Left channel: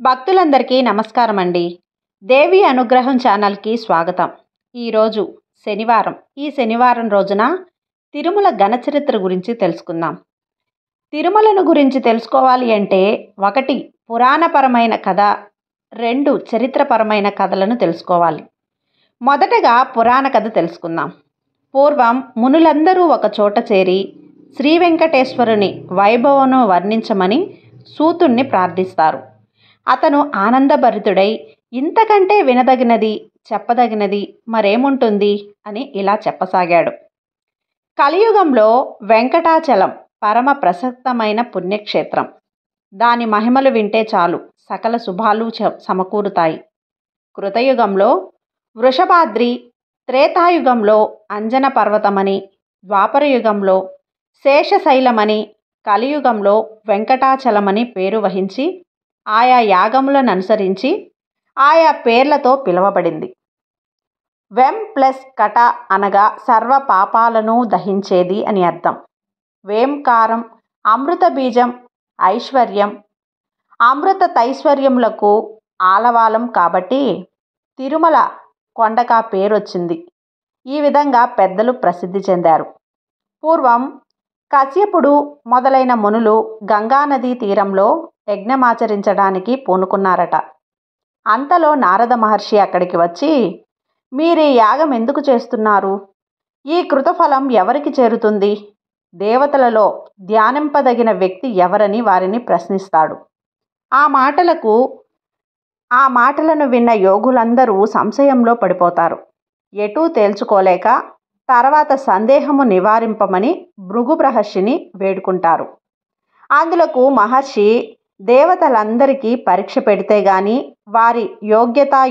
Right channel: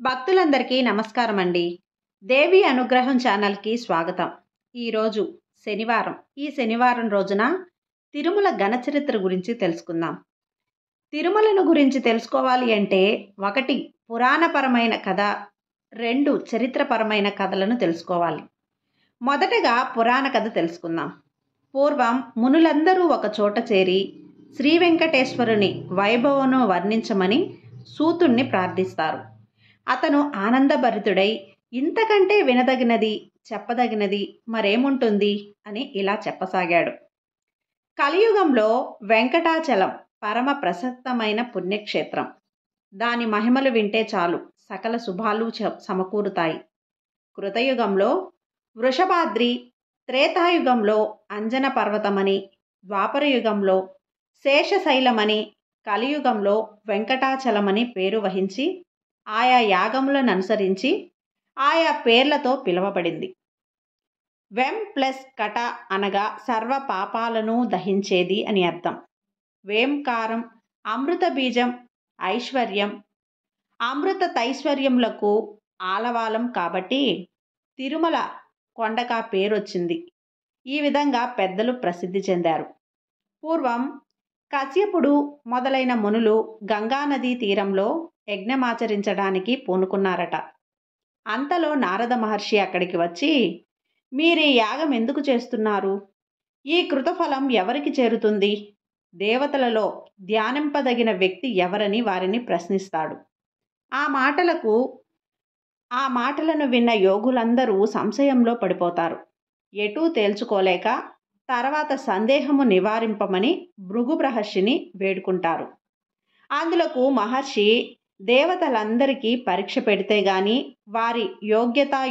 భక్తులందరికీ నమస్కారం అండి. దేవి అనుగ్రహం ఛానల్కి స్వాగతం. ఈరోజు శనివారం. ఈ శనివారం రోజున తిరుమల ఘనచరిత్ర గురించి తెలుసుకుందాం. తిరుమలను గురించి తెలుసుకోవాలి అంటే 1 పురాణపరమైన కథ, 2 చరిత్రపరమైన కథలను తెలుసుకోవాలి. మొదటగా పురాణ కథ తెలుసుకుందాం. పూర్వం మునులందరూ ఒక చోట చేరి శ్రీ వెంకటేశ్వరుని వైభవమును వర్ణించమని సూతుణ్ణి ప్రార్థిస్తారు. అతను ఆనందభరితుడై ఇంతకంటే వినదగినది, చెప్పదగినది మరేముంటుంది అని ఇలా చెప్పసాగాడు. కలియుగంలో వెంకటాచలం పరమ ప్రశస్తమైన పుణ్యక్షేత్రం. దాని మహిమలు వింటే చాలు సకల శుభాలు సమకూరుతాయి. కృతయుగంలో వృషభాద్రి, త్రేతాయుగంలో అంజన పర్వతమని, ద్వాపరయుగంలో శేషశైలమని, కలియుగంలో వెంకటాచలమని పేరు వహించి ఆయా యాగములను అనుసరించి ఆయా పేర్లతో పిలువబడింది. వెం ప్లస్ కట అనగా సర్వ పాపాలను దహించేది అని అర్థం. వేంకారం అమృత బీజం, ఐశ్వర్యం, అమృత తైశ్వర్యములకు ఆలవాలం కాబట్టి తిరుమల కొండగా పేరొచ్చింది. ఈ విధంగా పెద్దలు ప్రసిద్ధి చెందారు. పూర్వం కశ్యపుడు మొదలైన మునులు గంగానదీ తీరంలో యజ్ఞమాచరించడానికి పూనుకున్నారట. అంతలో నారద మహర్షి అక్కడికి వచ్చి, మీరీ యాగం ఎందుకు చేస్తున్నారు? ఈ కృతఫలం ఎవరికి చేరుతుంది? దేవతలలో ధ్యానింపదగిన వ్యక్తి ఎవరని వారిని ప్రశ్నిస్తాడు. ఆ మాటలను విన్న యోగులందరూ సంశయంలో పడిపోతారు. ఎటూ తేల్చుకోలేక తర్వాత సందేహము నివారింపమని భృగు మహర్షిని వేడుకుంటారు. అందులకు మహర్షి దేవతలందరికీ పరీక్ష పెడితే గాని వారి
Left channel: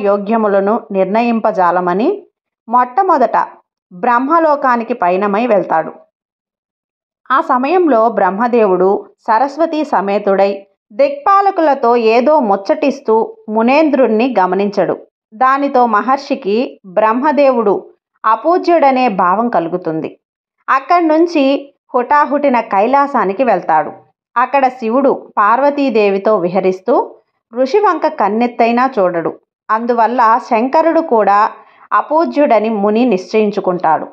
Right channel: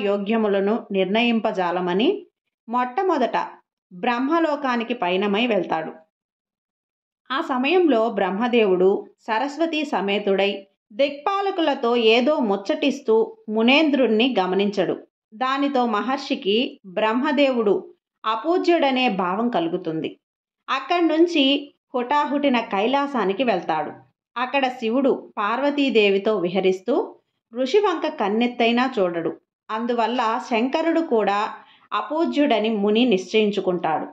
యోగ్యములను నిర్ణయింపజాలమని మొట్టమొదట బ్రహ్మలోకానికి పయనమై వెళ్తాడు. ఆ సమయంలో బ్రహ్మదేవుడు సరస్వతీ సమేతుడై దిక్పాలకులతో ఏదో ముచ్చటిస్తూ మునేంద్రుణ్ణి గమనించడు. దానితో మహర్షికి బ్రహ్మదేవుడు అపూజ్యుడనే భావం కలుగుతుంది. అక్కడి నుంచి హుటాహుటిన కైలాసానికి వెళ్తాడు. అక్కడ శివుడు పార్వతీదేవితో విహరిస్తూ ఋషివంక కన్నెత్తైనా చూడడు. అందువల్ల శంకరుడు కూడా అపూజ్యుడని ముని నిశ్చయించుకుంటాడు.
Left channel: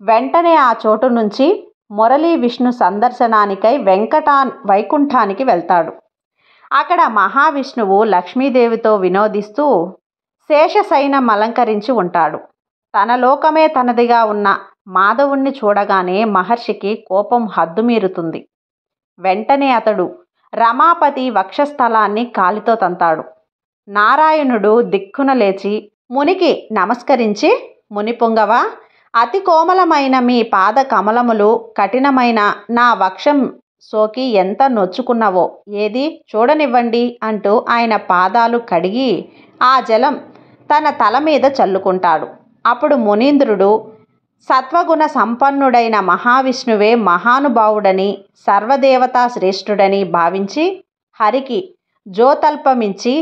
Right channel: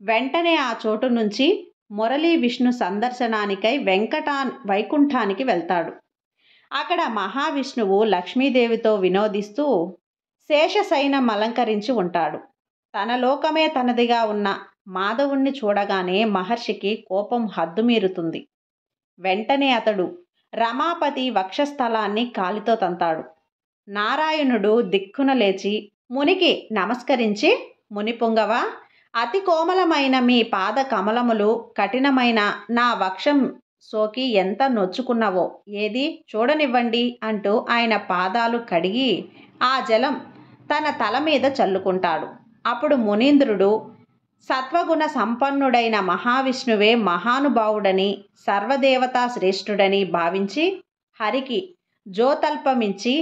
వెంటనే ఆ చోటు నుంచి మురళీ విష్ణు సందర్శనానికై వైకుంఠానికి వెళ్తాడు. అక్కడ మహావిష్ణువు లక్ష్మీదేవితో వినోదిస్తూ శేషశయనం అలంకరించి ఉంటాడు. తన లోకమే తనదిగా ఉన్న మాధవుణ్ణి చూడగానే మహర్షికి కోపం హద్దుమీరుతుంది. వెంటనే అతడు రమాపతి వక్షస్థలాన్ని కాలితో తంతాడు. నారాయణుడు దిక్కున లేచి మునికి నమస్కరించి, మునిపుంగవ, అతి కోమలమైన మీ పాద కమలములు కఠినమైన నా వక్షం సోకి ఎంత నొచ్చుకున్నవో ఏది చూడనివ్వండి అంటూ ఆయన పాదాలు కడిగి ఆ జలం తన తల మీద చల్లుకుంటాడు. అప్పుడు మునీంద్రుడు సత్వగుణ సంపన్నుడైన మహావిష్ణువే మహానుభావుడని, సర్వదేవతా శ్రేష్ఠుడని భావించి హరికి జోతల్పమించి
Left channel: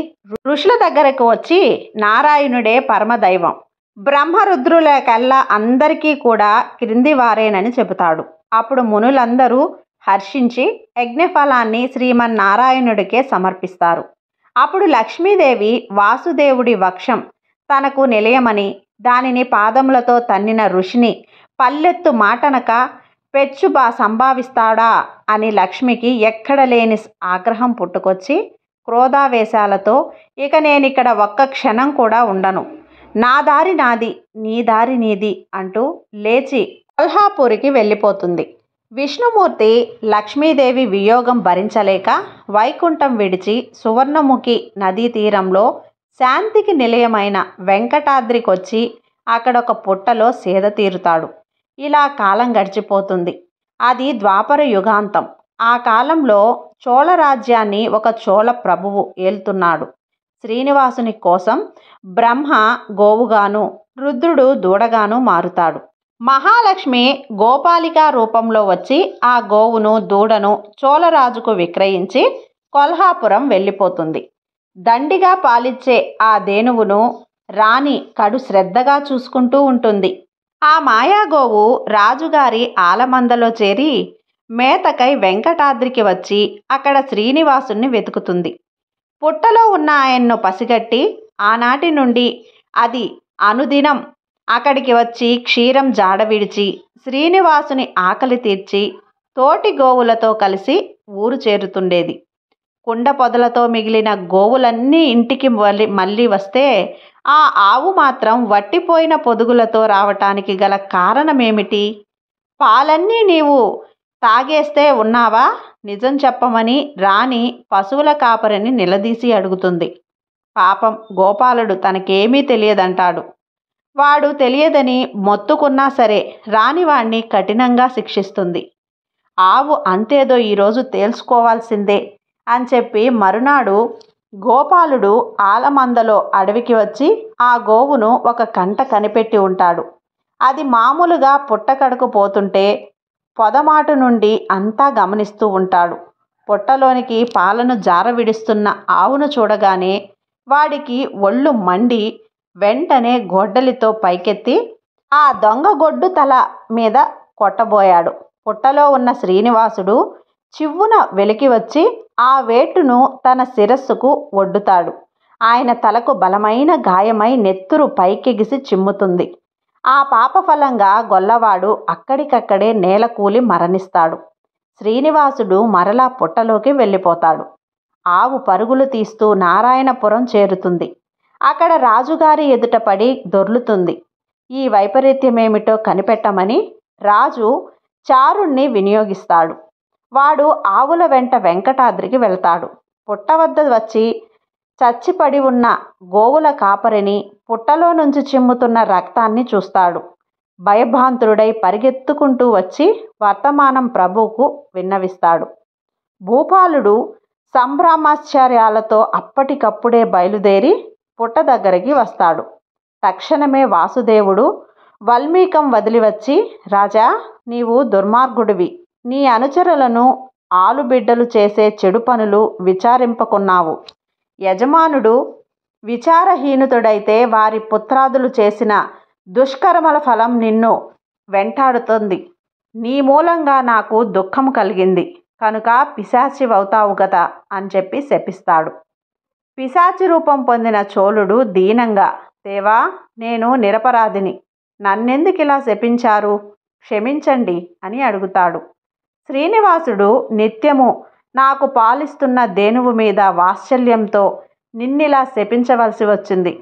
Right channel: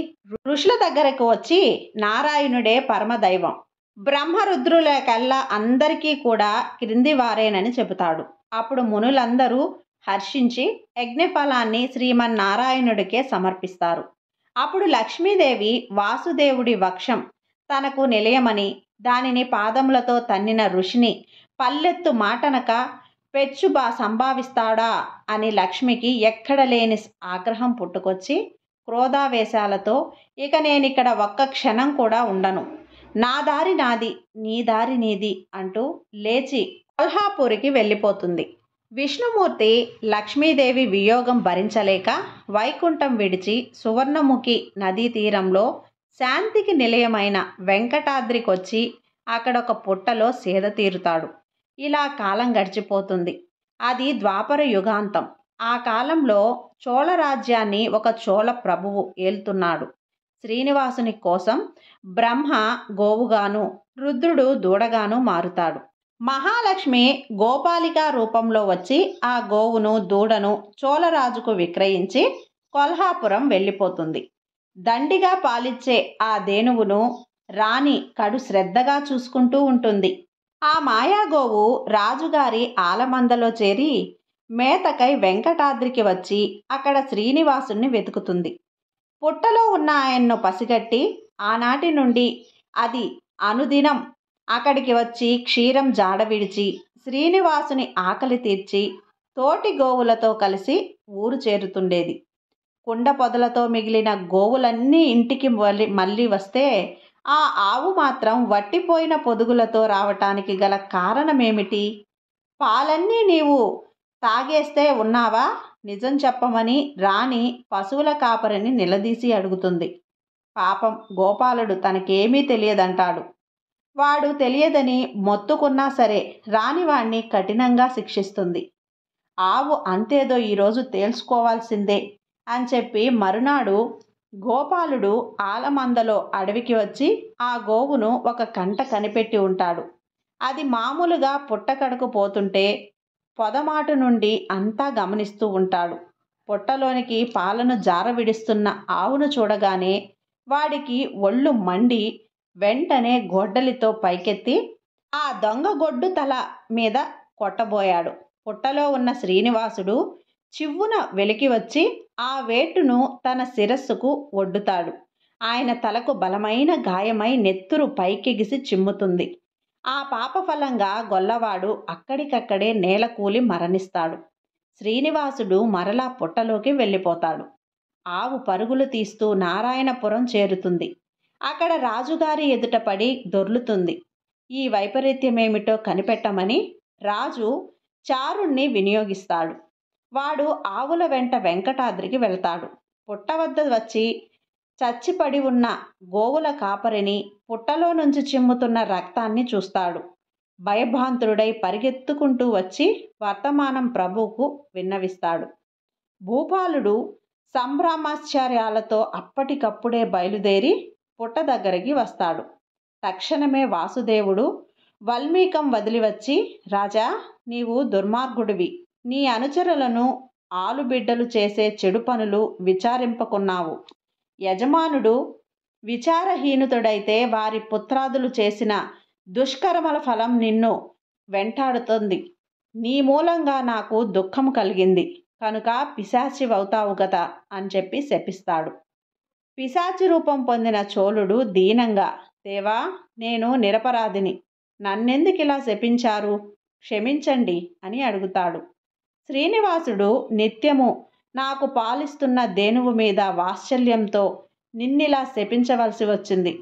ఋషుల దగ్గరకు వచ్చి నారాయణుడే పరమదైవం, బ్రహ్మరుద్రులకల్లా అందరికీ కూడా క్రింది వారేనని చెబుతాడు. అప్పుడు మునులందరూ హర్షించి యజ్ఞఫలాన్ని శ్రీమన్నారాయణుడికే సమర్పిస్తారు. అప్పుడు లక్ష్మీదేవి వాసుదేవుడి వక్షం తనకు నిలయమని, దానిని పాదములతో తన్నిన ఋషిని పల్లెత్తు మాటనక సంభావిస్తాడా అని లక్ష్మికి ఎక్కడలేని ఆగ్రహం పుట్టుకొచ్చి క్రోధావేశాలతో, ఇక నేనిక్కడ ఒక్క క్షణం కూడా ఉండను, నా దారి నాది, నీ దారి నీది అంటూ లేచి కొల్హాపూరికి వెళ్ళిపోతుంది. విష్ణుమూర్తి లక్ష్మీదేవి వియోగం భరించలేక వైకుంఠం విడిచి సువర్ణముఖి నదీ తీరంలో శాంతికి నిలయమైన వెంకటాద్రికొచ్చి అక్కడొక పుట్టలో సేద తీరుతాడు. ఇలా కాలం గడిచిపోతుంది. అది ద్వాపర యుగాంతం. ఆ కాలంలో చోళ రాజ్యాన్ని ఒక చోళ ప్రభువు ఏలుతున్నాడు. శ్రీనివాసుని కోసం బ్రహ్మ గోవుగాను, రుద్రుడు దూడగాను మారుతాడు. మహాలక్ష్మి గోపాలికా రూపంలో వచ్చి ఆ గోవును, దూడను చోళరాజుకు విక్రయించి కొల్హాపురం వెళ్ళిపోతుంది. దండిగా పాలిచ్చే ఆ ధేనువును రాణి కడు శ్రద్ధగా చూసుకుంటూ ఉంటుంది. ఆ మాయాగోవు రాజుగారి ఆలమందలో చేరి మేతకై వెంకటాద్రికి వచ్చి అక్కడ శ్రీనివాసుని వెతుకుతుంది. పుట్టలో ఉన్న ఆయన్ను పసిగట్టి ఆనాటి నుండి అది అనుదినం అక్కడికి వచ్చి క్షీరం జాడ విడిచి శ్రీనివాసుని ఆకలి తీర్చి తోటి గోవులతో కలిసి ఊరు చేరుతుండేది. కుండ పొదలతో మిగిలిన గోవులన్నీ ఇంటికి మళ్ళీ వస్తే ఆ ఆవు మాత్రం వట్టిపోయిన పొదుగులతో రావటానికి గల కారణమేమిటి? పాలన్నీ నీవు తాగేస్తే ఉన్నావా? నిజం చెప్పమని రాణి పశువుల కాపరిని నిలదీసి అడుగుతుంది. పాపం గోపాలుడు తనకేమీ తెలియదంటాడు. వాడు తెలియదని మొత్తుకున్నా సరే రాణివాణ్ణి కఠినంగా శిక్షిస్తుంది. ఆవు అంతేదో ఈరోజు తేల్చుకోవాల్సిందే అని చెప్పి మరునాడు గోపాలుడు ఆలమందలో అడవికి వచ్చి ఆ గోవును ఒక కంట కనిపెట్టి ఉంటాడు. అది మామూలుగా పుట్టకడకు పోతుంటే పొదమాటు నుండి అంతా గమనిస్తూ ఉంటాడు. పుట్టలోనికి పాలను జార విడుస్తున్న ఆవును చూడగానే వాడికి ఒళ్ళు మండి వెంటనే గొడ్డలితో పైకెత్తి ఆ దొంగ గొడ్డు తల మీద కొట్టబోయాడు. పుట్టలో ఉన్న శ్రీనివాసుడు చివ్వున వెలికి వచ్చి ఆ వేటును తన శిరస్సుకు ఒడ్డుతాడు. ఆయన తలకు బలమైన గాయమై నెత్తురు పైకెగిసి చిమ్ముతుంది. ఆ పాపఫలంగా గొల్లవాడు అక్కడికక్కడే నేలకూలి మరణిస్తాడు. శ్రీనివాసుడు మరలా పుట్టలోకి వెళ్ళిపోతాడు. ఆవు పరుగులు తీస్తూ నారాయణపురం చేరుతుంది. అక్కడ రాజుగారి ఎదుట పడి దొర్లుతుంది. ఈ వైపరీత్యమేమిటో కనిపెట్టమని రాజు చారుణ్ణి వినియోగిస్తాడు. వాడు ఆవుల వెంట వెంకటాద్రికి వెళ్తాడు. పుట్ట వద్ద వచ్చి చచ్చిపడి ఉన్న గోవుల కాపరిని, పుట్టలో నుంచి చిమ్ముతున్న రక్తాన్ని చూస్తాడు. భయభ్రాంతుడై పరిగెత్తుకుంటూ వచ్చి వర్తమానం ప్రభువుకు విన్నవిస్తాడు. భూపాలుడు సంభ్రమాశ్చర్యాలతో అప్పటికప్పుడే బయలుదేరి పుట్ట దగ్గరికి వస్తాడు. తక్షణమే వాసుదేవుడు వల్మీకం వదిలి వచ్చి, రాజా, నీవు దుర్మార్గుడివి. నీ అనుచరులను ఆలుబిడ్డలు చేసే చెడు పనులు విచారింపకున్నావు. యజమానుడు విచారహీనుతుడైతే వారి పుత్రాదులు చేసిన దుష్కర్మల ఫలం నిన్ను వెంటాడుతుంది. నీ మూలంగా నాకు దుఃఖం కలిగింది కనుక పిశాచివవుతావు గదా అని చెప్పి శపిస్తాడు. పిశాచి రూపం పొందిన చోళుడు దీనంగా, దేవా, నేను నిరపరాధిని, నన్నెందుకిలా శపించారు, క్షమించండి అని అడుగుతాడు. శ్రీనివాసుడు నిత్యము నాకు పాలిస్తున్న దేనువు మీద వాత్సల్యంతో నిన్నిలా శపించవలసి వచ్చింది.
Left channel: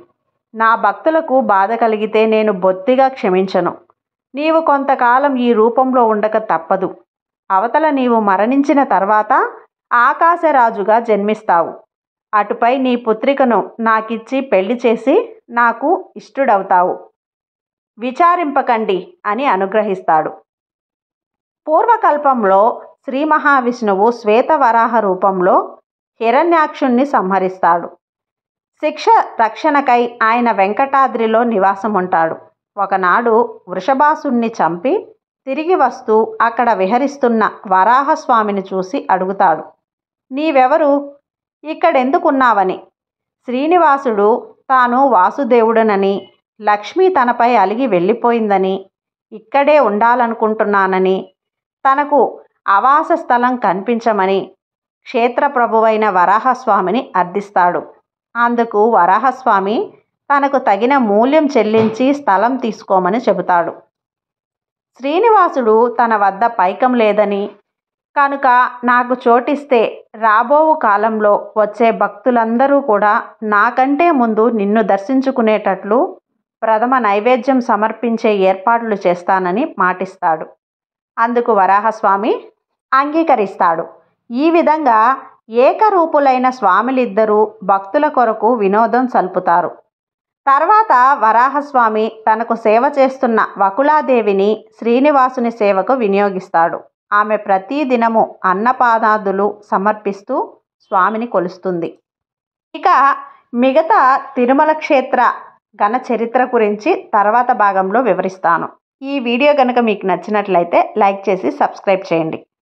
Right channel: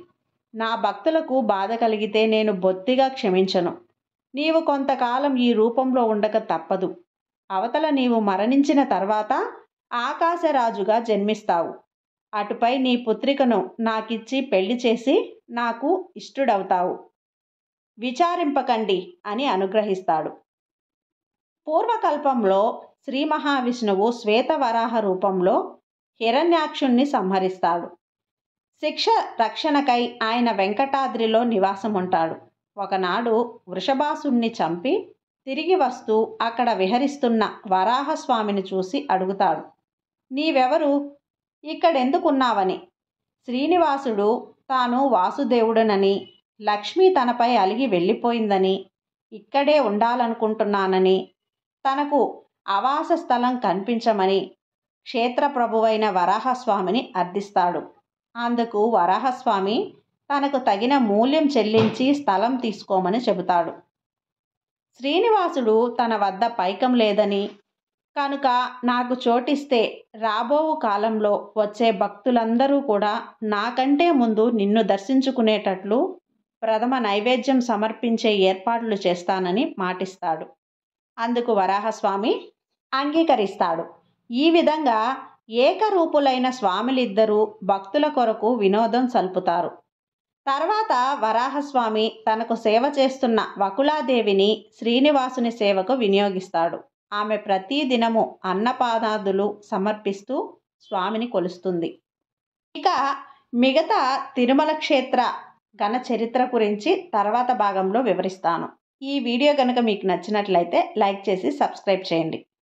నా భక్తులకు బాధ కలిగితే నేను బొత్తిగా క్షమించను. నీవు కొంతకాలం ఈ రూపంలో ఉండక తప్పదు. అవతల నీవు మరణించిన తర్వాత ఆకాశరాజుగా జన్మిస్తావు. అటుపై నీ పుత్రికను నాకిచ్చి పెళ్లి చేసి నాకు ఇష్టుడవుతావు. విచారింపకండి అని అనుగ్రహిస్తాడు. పూర్వకల్పంలో శ్రీ మహావిష్ణువు శ్వేతవరాహ రూపంలో హిరణ్యాక్షుణ్ణి సంహరిస్తాడు. శిక్ష రక్షణకై ఆయన వెంకటాద్రిలో నివాసం ఉంటాడు. ఒకనాడు వృషభాసుణ్ణి చంపి తిరిగి వస్తూ అక్కడ విహరిస్తున్న వరాహస్వామిని చూసి అడుగుతాడు, నీవెవరు, ఇక్కడెందుకున్నావని. శ్రీనివాసుడు తాను వాసుదేవుడనని, లక్ష్మి తనపై అలిగి వెళ్ళిపోయిందని, ఇక్కడే ఉండాలనుకుంటున్నానని, తనకు ఆవాస స్థలం కనిపించమని క్షేత్రప్రభువైన వరాహస్వామిని అర్థిస్తాడు. అందుకు వరాహస్వామి తనకు తగిన మూల్యం చెల్లించి స్థలం తీసుకోమని చెబుతాడు. శ్రీనివాసుడు తన వద్ద పైకం లేదని, కనుక నాకు చోటిస్తే రాబోవు కాలంలో వచ్చే భక్తులందరూ కూడా నాకంటే ముందు నిన్ను దర్శించుకునేటట్లు ప్రథమ నైవేద్యం సమర్పించే ఏర్పాట్లు చేస్తానని మాటిస్తాడు. అందుకు వరాహస్వామి అంగీకరిస్తాడు. ఈ విధంగా ఏకరూపులైన స్వామిలిద్దరూ భక్తుల కొరకు వినోదం సల్పుతారు. తర్వాత వరాహస్వామి తనకు సేవ చేస్తున్న వకులాదేవిని శ్రీనివాసుని సేవకు వినియోగిస్తాడు. ఆమె ప్రతిదినము అన్నపానాదులు సమర్పిస్తూ స్వామిని కొలుస్తుంది. ఇక మిగతా తిరుమల క్షేత్ర ఘన చరిత్ర గురించి తర్వాత భాగంలో వివరిస్తాను. ఈ వీడియో కనుక మీకు నచ్చినట్లయితే లైక్ చేసి సబ్స్క్రైబ్ చేయండి.